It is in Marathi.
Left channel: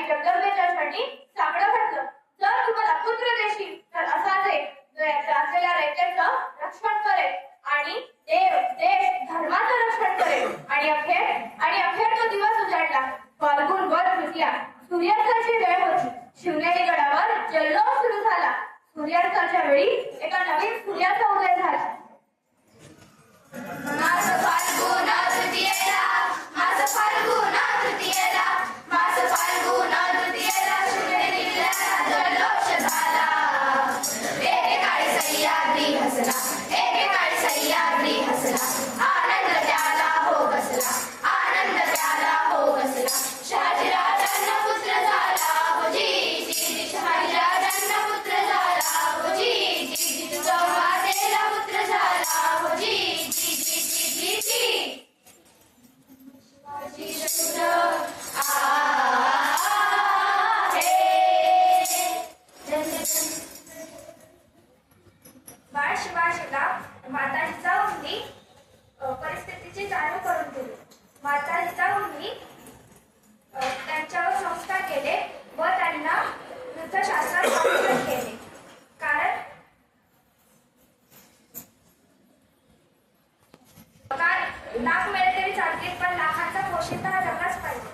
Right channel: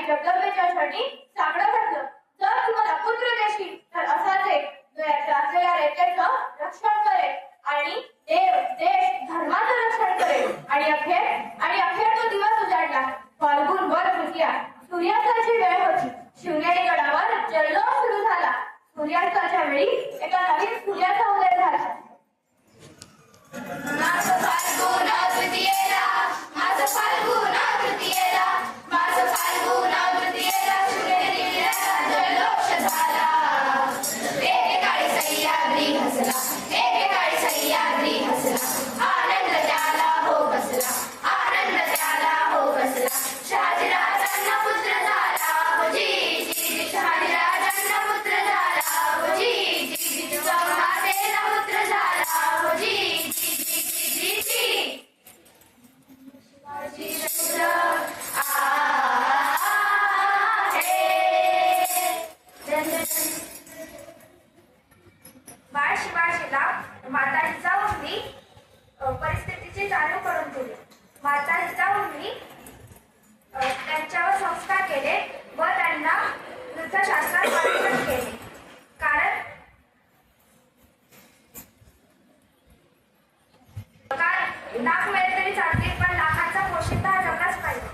आणि जगदंबेच्यासाठी साकडं घातलं. जर तुम्हाला पुत्र देशील तर असाच एक जो या त्रासलेल्या रयतेचं रक्षण करेल आणि देव देश धर्माचं रक्षण करेल. आणि अखेर तो दिवस उजाडला. फाल्गुन वद तृतीया, सूर्यास्ताची वेळ होती. शिवनेरी गडावर जल्लोष सुरू झाला. सूर्यास्ताच्या वेळी एका नवीन सूर्याचा उदय झाला. बाळ शिवाजीला माता जिजाऊंनी परिस्थितीची जाणीव करून दिली. माता जिजाऊंनी त्यांच्यावर संस्कार केले व त्यांना युद्धशास्त्रात मार्गदर्शन केले. कारण लाख मिळेल तरी चालतील पण लाखांचा पोशिंदा हा जगलाच पाहिजे.